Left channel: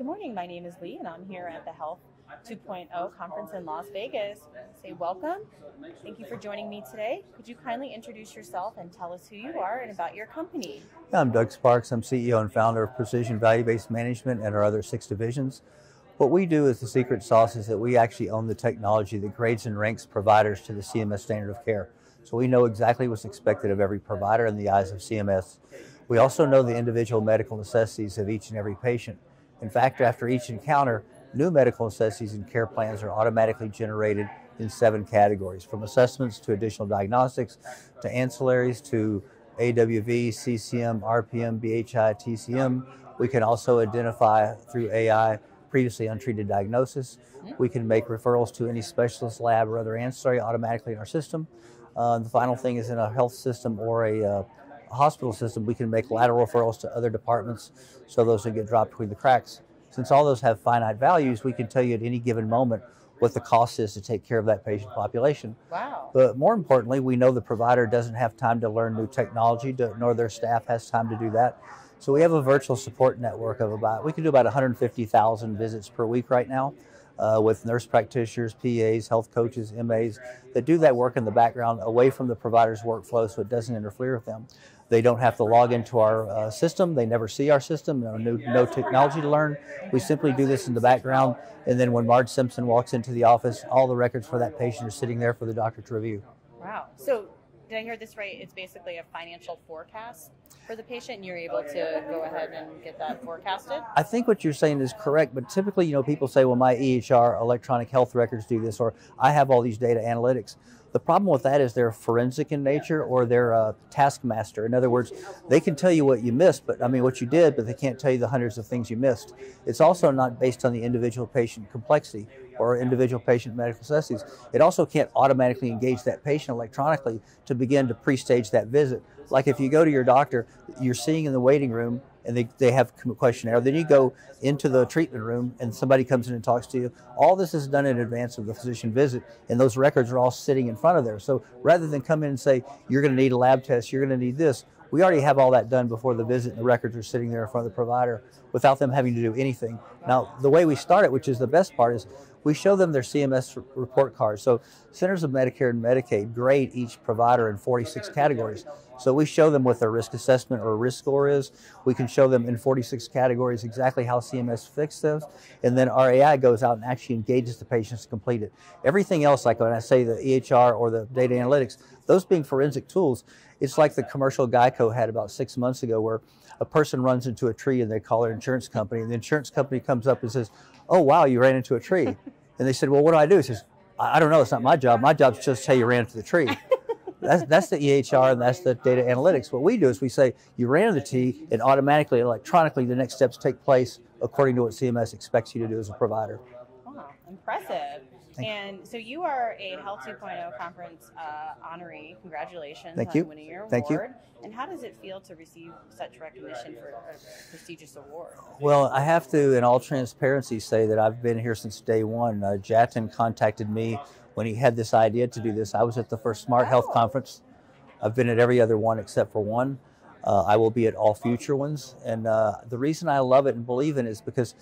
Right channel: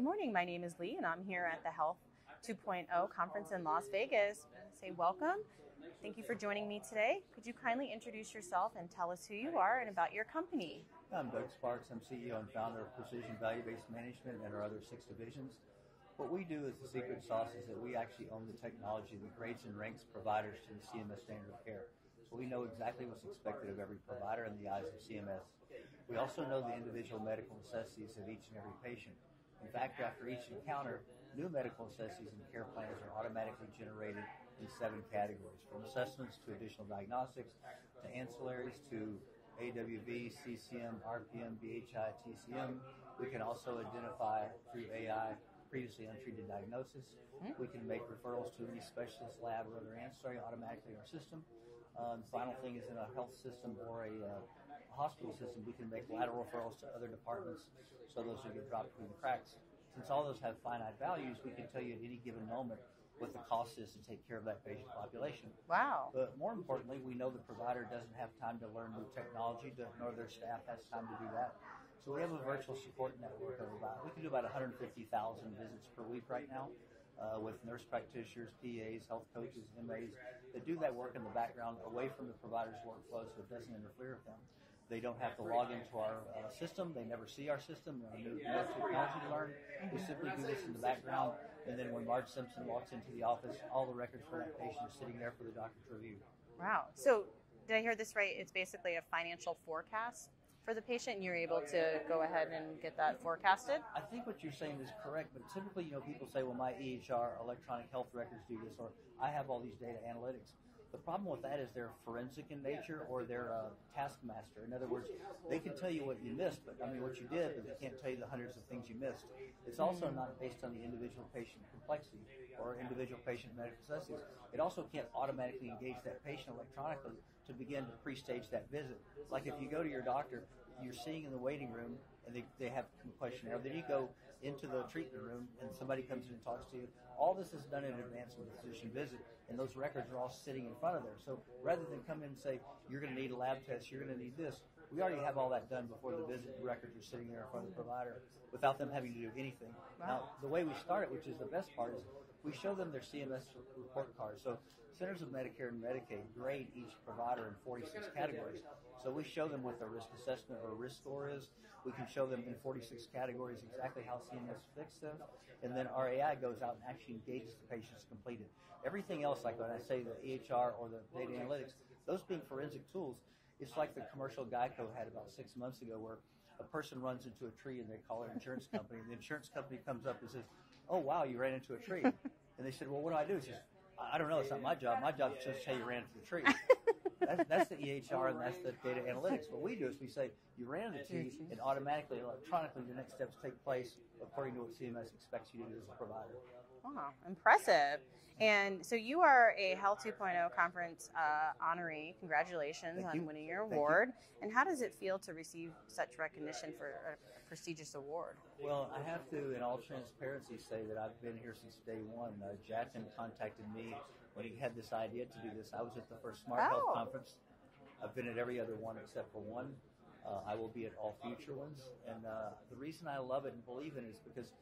Good morning. My name is Lee, and I'm here at the Health 2.0 conference in Las Vegas. Say welcome. Thank you for joining me today. Could you kindly introduce yourself and tell us who you are and about your company? I'm Doug Sparks. I'm CEO and founder of Precision Value-Based Management and our other 6 divisions. What we do is the secret sauce is that we actually own the technology that grades and ranks providers to the CMS standard of care. So we know exactly what's expected of every provider in the eyes of CMS. We also know the individual medical necessities of each and every patient. In fact, after each encounter, new medical necessities and care plans are automatically generated in 7 categories, from assessments to additional diagnostics, to ancillaries, to AWV, CCM, RPM, BHI, TCM. We can also identify through AI previously untreated diagnosis. We can make referrals to any specialist lab or other ancillary automatically in our system. The final thing is, in a health system or a hospital system, we can make lateral referrals to other departments so those that get dropped between the cracks. Since all those have finite values, we can tell you at any given moment what the cost is to take care of that patient population. Wow. But more importantly, we know the provider doesn't have time to learn new technology, nor their staff has time to do that. So we have a virtual support network of we can do about 150,000 visits per week right now with nurse practitioners, PAs, health coaches, MAs that do that work in the background away from the provider's workflow so it doesn't interfere with them. They don't have to log into our system. They never see our system. No technology to learn. We simply do this in the background. And then when Marge Simpson walks into the office, all the records for that patient are sitting there for the doctor to review. Wow. So did I hear this right? It's basically a financial forecast for the patient, and you're able to go ahead and get that forecasted? I think what you're saying is correct, but typically, people say, well, my EHR, electronic health records do this, or I have all these data analytics. The problem with that is they're forensic in nature, or they're a taskmaster. In other words, they can tell you what you missed, what you did, but they can't tell you the hundreds of things you missed. It's also not based on the individual patient complexity or individual patient medical necessities. It also can't automatically engage that patient electronically to begin to pre-stage that visit. Like if you go to your doctor, you're seeing in the waiting room, and they have a questionnaire. Then you go into the treatment room and somebody comes in and talks to you. All this is done in advance of the physician visit, and those records are all sitting in front of there. So rather than come in and say, you're going to need a lab test, you're going to need this, we already have all that done before the visit, and the records are sitting there in front of the provider without them having to do anything. Now, the way we start it, which is the best part, is we show them their CMS report cards. So Centers of Medicare and Medicaid grade each provider in 46 categories. So we show them what their risk assessment or risk score is. We can show them in 46 categories exactly how CMS fixed those. And then our AI goes out and actually engages the patients to complete it. Everything else, like when I say the EHR or the data analytics, those being forensic tools, it's like the commercial Geico had about 6 months ago where a person runs into a tree and they call their insurance company, and the insurance company comes up and says, oh, wow, you ran into a tree. And they said, well, what do I do? He says, I don't know, it's not my job. My job is just to tell you ran into the tree. That's the EHR, and that's the data analytics. What we do is we say, you ran into the tree, and automatically, electronically, the next steps take place according to what CMS expects you to do as a provider. Oh, impressive. And so you are a Health 2.0 conference honoree. Congratulations on winning your award. Thank you. And how does it feel to receive such recognition for a prestigious award? Well, I have to, in all transparency, say that I've been here since day one. Jatin contacted me when he had this idea to do this. I was at the first Smart Health Conference. I've been at every other one except for one. I will be at all future ones. And the reason I love it and believe in it is because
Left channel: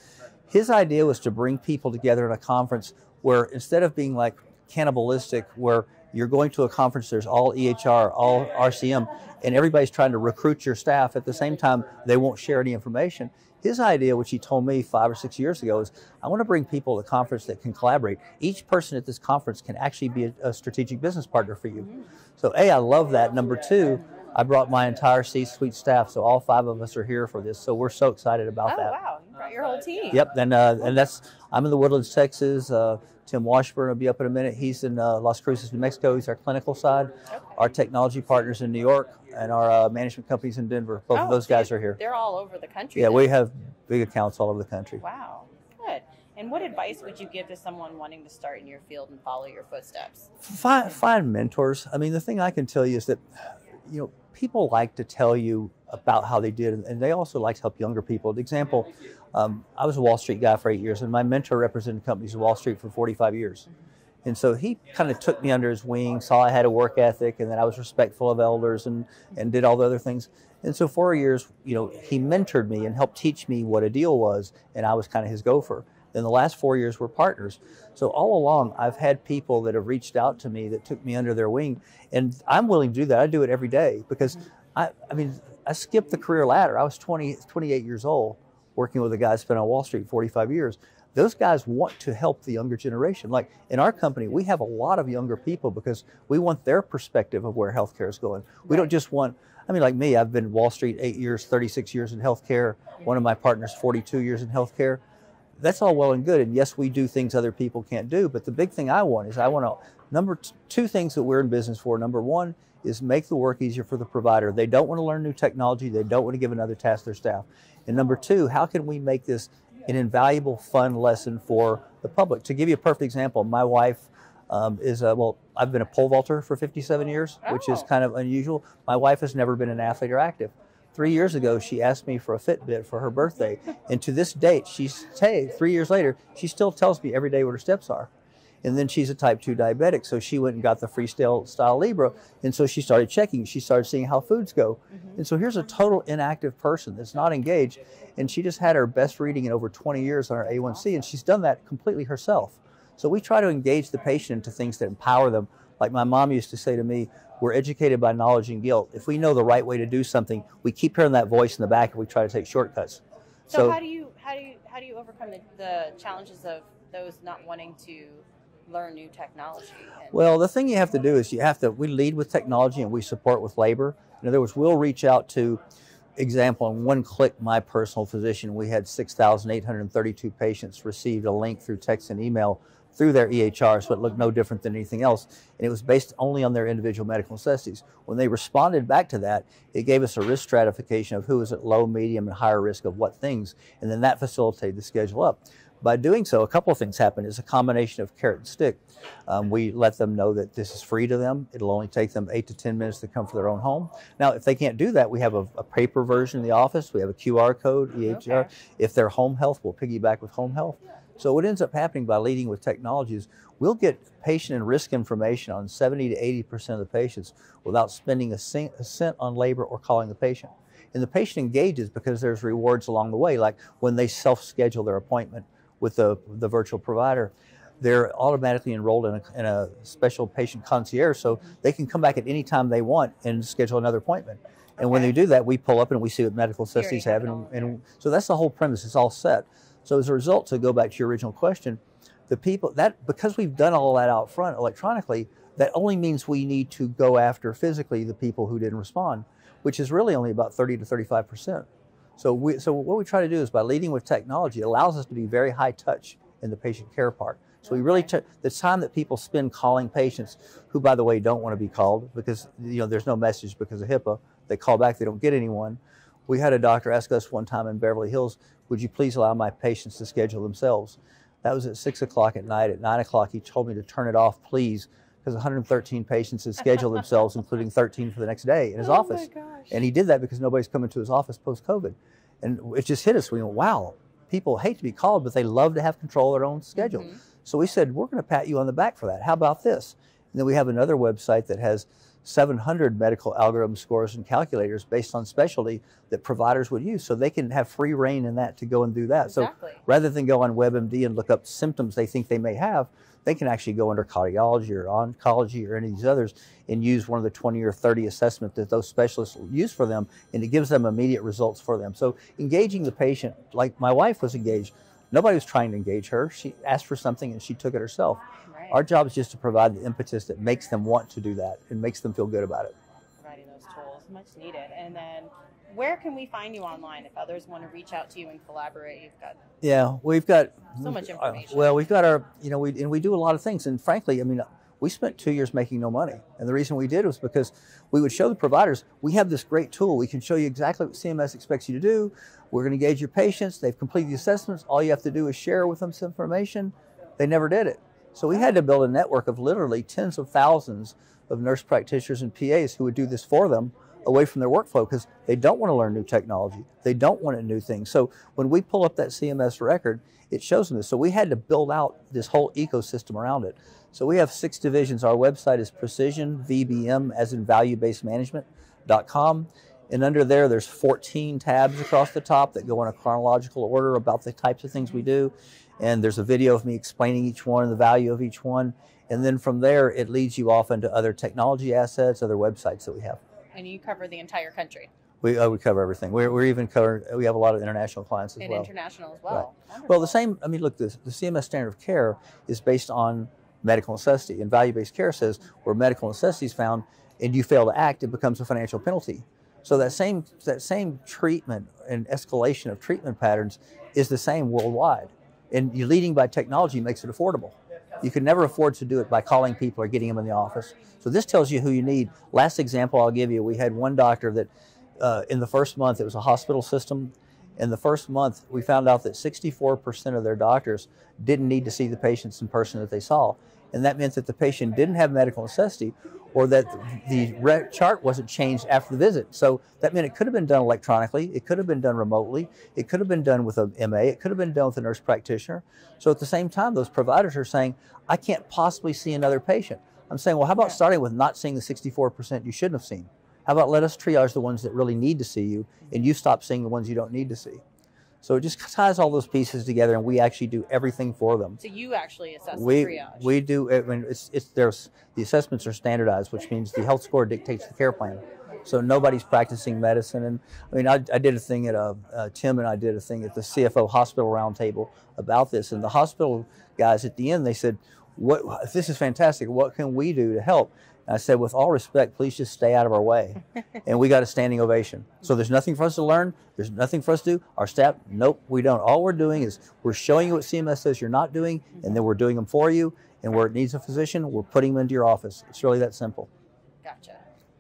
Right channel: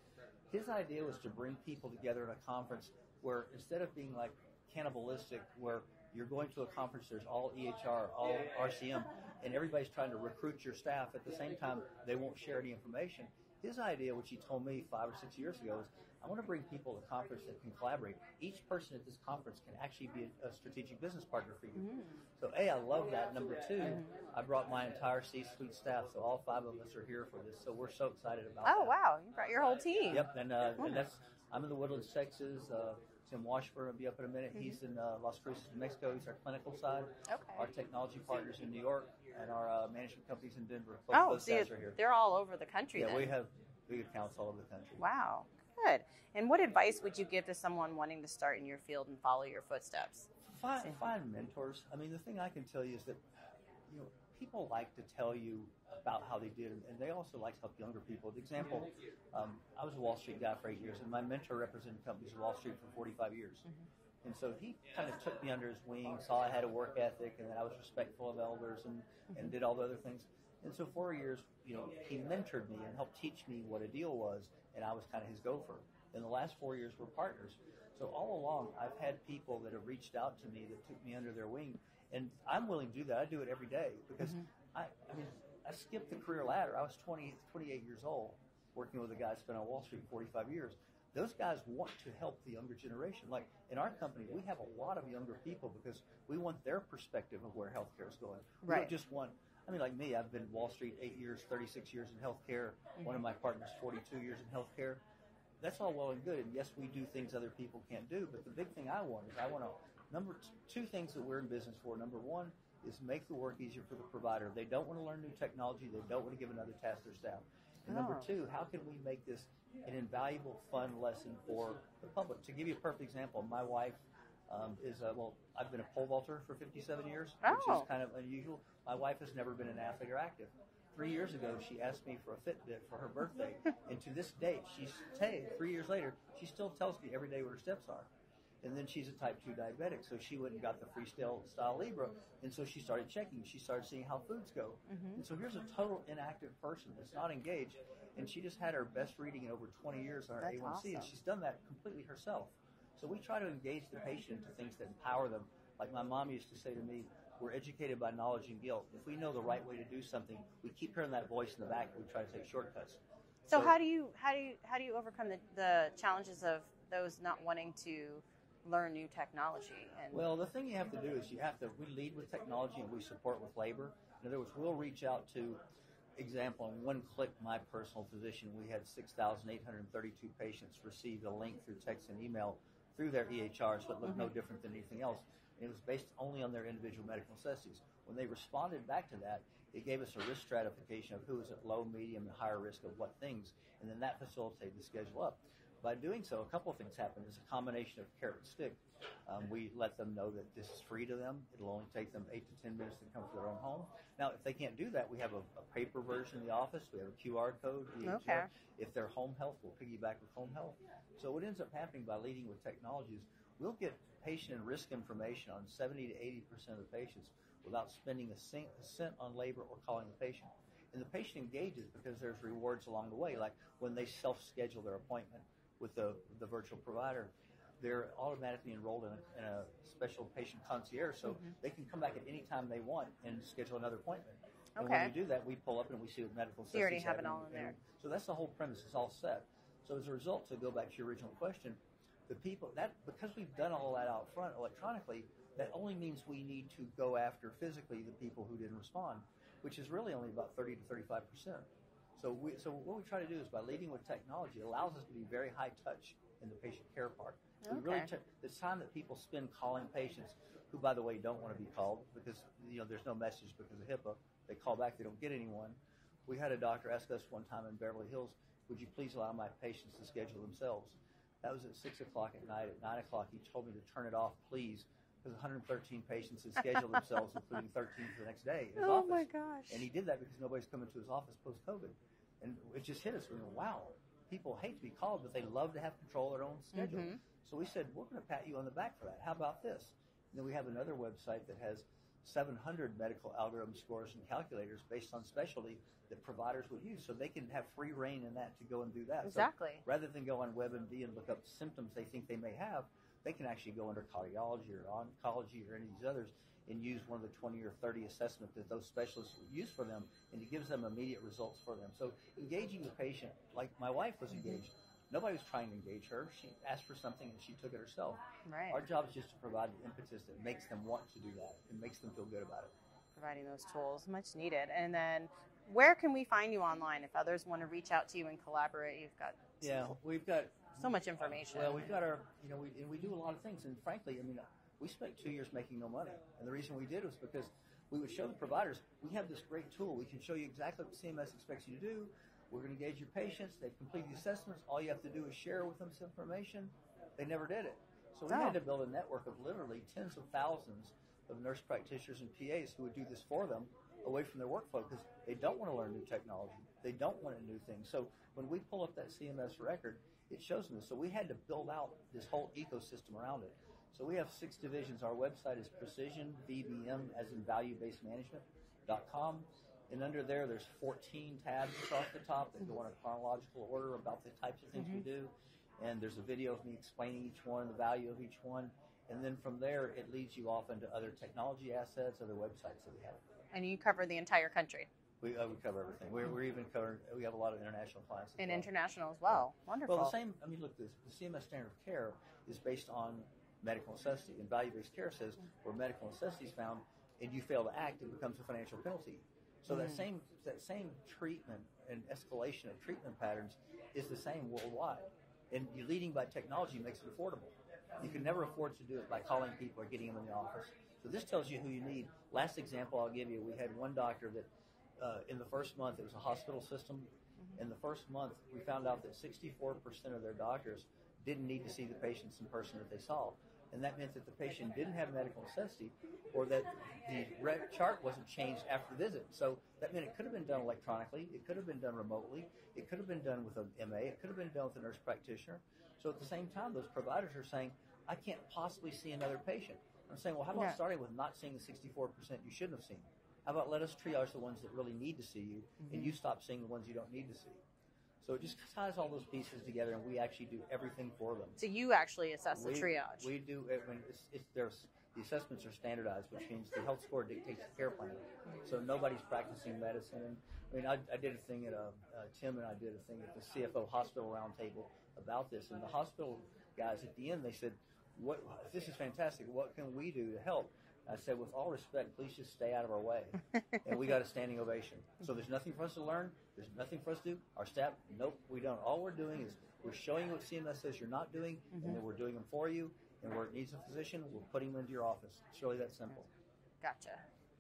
his idea was to bring people together in a conference where, instead of being like cannibalistic, where you're going to a conference, there's all EHR, all RCM, and everybody's trying to recruit your staff. At the same time, they won't share any information. His idea, which he told me 5 or 6 years ago, is I want to bring people to a conference that can collaborate. Each person at this conference can actually be a strategic business partner for you. So A, I love that. Number 2, I brought my entire C-suite staff, so all 5 of us are here for this. So we're so excited about that. Oh, wow. You brought your whole team. Yep, and I'm in the Woodlands, Texas. Tim Washburn will be up in a minute. He's in Las Cruces, New Mexico. He's our clinical side. Okay. Our technology partners in New York, and our management companies in Denver. Both of those guys are here. They're all over the country. Yeah, we have big accounts all over the country. Wow, good. And what advice would you give to someone wanting to start in your field and follow your footsteps? Find mentors. I mean, the thing I can tell you is that, people like to tell you about how they did, and they also like to help younger people. For example, I was a Wall Street guy for 8 years, and my mentor represented companies in Wall Street for 45 years. And so he kind of took me under his wing, saw I had a work ethic and that I was respectful of elders and did all the other things. And so 4 years, he mentored me and helped teach me what a deal was, and I was kind of his gopher. Then the last 4 years were partners. So all along, I've had people that have reached out to me that took me under their wing, and I'm willing to do that. I do it every day because I skipped the career ladder. I was 28 years old working with a guy that's been on Wall Street 45 years. Those guys want to help the younger generation. Like in our company, we have a lot of younger people because we want their perspective of where healthcare is going. We don't just want, like me, I've been Wall Street 8 years, 36 years in healthcare. One of my partners, 42 years in healthcare. That's all well and good. And yes, we do things other people can't do. But the big thing I want to, two things that we're in business for. Number one is make the work easier for the provider. They don't want to learn new technology. They don't want to give another task to their staff. And number two, how can we make this an invaluable, fun lesson for the public? To give you a perfect example, my wife I've been a pole vaulter for 57 years, which is kind of unusual. My wife has never been an athlete or active. 3 years ago, she asked me for a Fitbit for her birthday. And to this date, 3 years later, she still tells me every day what her steps are. And then she's a type 2 diabetic, so she went and got the Freestyle Libre, and so she started checking. She started seeing how foods go. And so here's a total inactive person that's not engaged, and she just had her best reading in over 20 years on her A1C, and she's done that completely herself. So we try to engage the patient into things that empower them. Like my mom used to say to me, we're educated by knowledge and guilt. If we know the right way to do something, we keep hearing that voice in the back and we try to take shortcuts. So how do you overcome the challenges of those not wanting to learn new technology? Well, the thing you have to do is we lead with technology and we support with labor. In other words, we'll reach out to, example, in one click, my personal physician, we had 6,832 patients received a link through text and email through their EHR, so it looked no different than anything else. And it was based only on their individual medical necessities. When they responded back to that, it gave us a risk stratification of who was at low, medium, and higher risk of what things. And then that facilitated the schedule up. By doing so, a couple of things happen. It's a combination of carrot and stick. We let them know that this is free to them. It'll only take them 8 to 10 minutes to come for their own home. Now, if they can't do that, we have a paper version in the office. We have a QR code, EHR. Okay. If they're home health, we'll piggyback with home health. So what ends up happening by leading with technology is we'll get patient and risk information on 70 to 80% of the patients without spending a cent on labor or calling the patient. And the patient engages because there's rewards along the way, like when they self-schedule their appointment with the virtual provider, they're automatically enrolled in a special patient concierge, so they can come back at any time they want and schedule another appointment. And when they do that, we pull up and we see what medical necessities have, and so that's the whole premise. It's all set. So as a result, to go back to your original question, the people because we've done all that out front electronically, that only means we need to go after physically the people who didn't respond, which is really only about 30 to 35%. So what we try to do is by leading with technology, it allows us to be very high touch in the patient care part. So we really the time that people spend calling patients, who by the way don't want to be called because there's no message because of HIPAA. They call back, they don't get anyone. We had a doctor ask us one time in Beverly Hills, would you please allow my patients to schedule themselves? That was at 6 o'clock at night. At 9 o'clock, he told me to turn it off, please, because 113 patients had scheduled themselves, including 13 for the next day in his office. My gosh. And he did that because nobody's coming to his office post-COVID. And it just hit us. We went, wow, people hate to be called, but they love to have control of their own schedule. Mm-hmm. So we said, we're going to pat you on the back for that. How about this? And then we have another website that has 700 medical algorithm scores and calculators based on specialty that providers would use, so they can have free reign in that to go and do that. Exactly. So rather than go on WebMD and look up symptoms they think they may have, they can actually go under cardiology or oncology or any of these others and use one of the 20 or 30 assessments that those specialists use for them, and it gives them immediate results for them. So engaging the patient, like my wife was engaged. Nobody was trying to engage her. She asked for something and she took it herself. Right. Our job is just to provide the impetus that makes them want to do that and makes them feel good about it. Providing those tools, much needed. And then where can we find you online if others want to reach out to you and collaborate? We've got so much information. Well, we've got our, we do a lot of things. And frankly, we spent 2 years making no money. And the reason we did was because we would show the providers, we have this great tool. We can show you exactly what CMS expects you to do. We're going to engage your patients. They've completed the assessments. All you have to do is share with them some information. They never did it. So we had to build a network of literally tens of thousands of nurse practitioners and PAs who would do this for them away from their workflow because they don't want to learn new technology. They don't want new things. So when we pull up that CMS record, it shows them this. So we had to build out this whole ecosystem around it. So we have 6 divisions. Our website is precisionvbm, as in value-based management.com. And under there, there's 14 tabs across the top that go in a chronological order about the types of things we do. And there's a video of me explaining each one and the value of each one. And then from there, it leads you off into other technology assets, other websites that we have. And you cover the entire country. We cover everything. We're even covering, we have a lot of international clients as well. And international as well. Right. Well, the same, I mean, look, the CMS standard of care is based on medical necessity. And value-based care says where medical necessity is found and you fail to act, it becomes a financial penalty. So that same treatment and escalation of treatment patterns is the same worldwide. And you leading by technology makes it affordable. You can never afford to do it by calling people or getting them in the office. So this tells you who you need. Last example I'll give you, we had one doctor that in the first month, it was a hospital system. In the first month, we found out that 64% of their doctors didn't need to see the patients in person that they saw. And that meant that the patient didn't have medical necessity, or that the chart wasn't changed after the visit. So that meant it could have been done electronically, it could have been done remotely, it could have been done with a MA, it could have been done with a nurse practitioner. So at the same time, those providers are saying, I can't possibly see another patient. I'm saying, well, how about starting with not seeing the 64% you shouldn't have seen? How about let us triage the ones that really need to see you, and you stop seeing the ones you don't need to see? So it just ties all those pieces together, and we actually do everything for them. So you actually assess the triage? We do. I mean, the assessments are standardized, which means the health score dictates the care plan. So nobody's practicing medicine. And I mean, I did a thing at Tim and I did a thing at the CFO Hospital Roundtable about this, and the hospital guys at the end, they said, "What? This is fantastic. What can we do to help?" And I said, with all respect, please just stay out of our way. And we got a standing ovation. So there's nothing for us to learn. There's nothing for us to do. Our staff, nope, we don't. All we're doing is we're showing you what CMS says you're not doing, and then we're doing them for you. And where it needs a physician, we're putting them into your office. It's really that simple. Gotcha.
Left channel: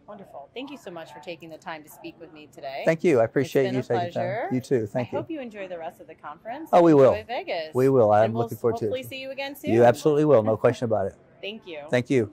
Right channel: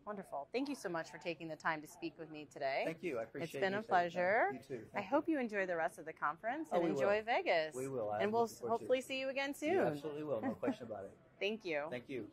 Wonderful. Thank you so much for taking the time to speak with me today. Thank you. I appreciate you taking the time. It's been a pleasure. You too. Thank you. I hope you enjoy the rest of the conference. Oh, we will. Enjoy Vegas. We will. I'm looking forward to it. Hopefully see you again soon. You absolutely will. No question about it. Thank you. Thank you.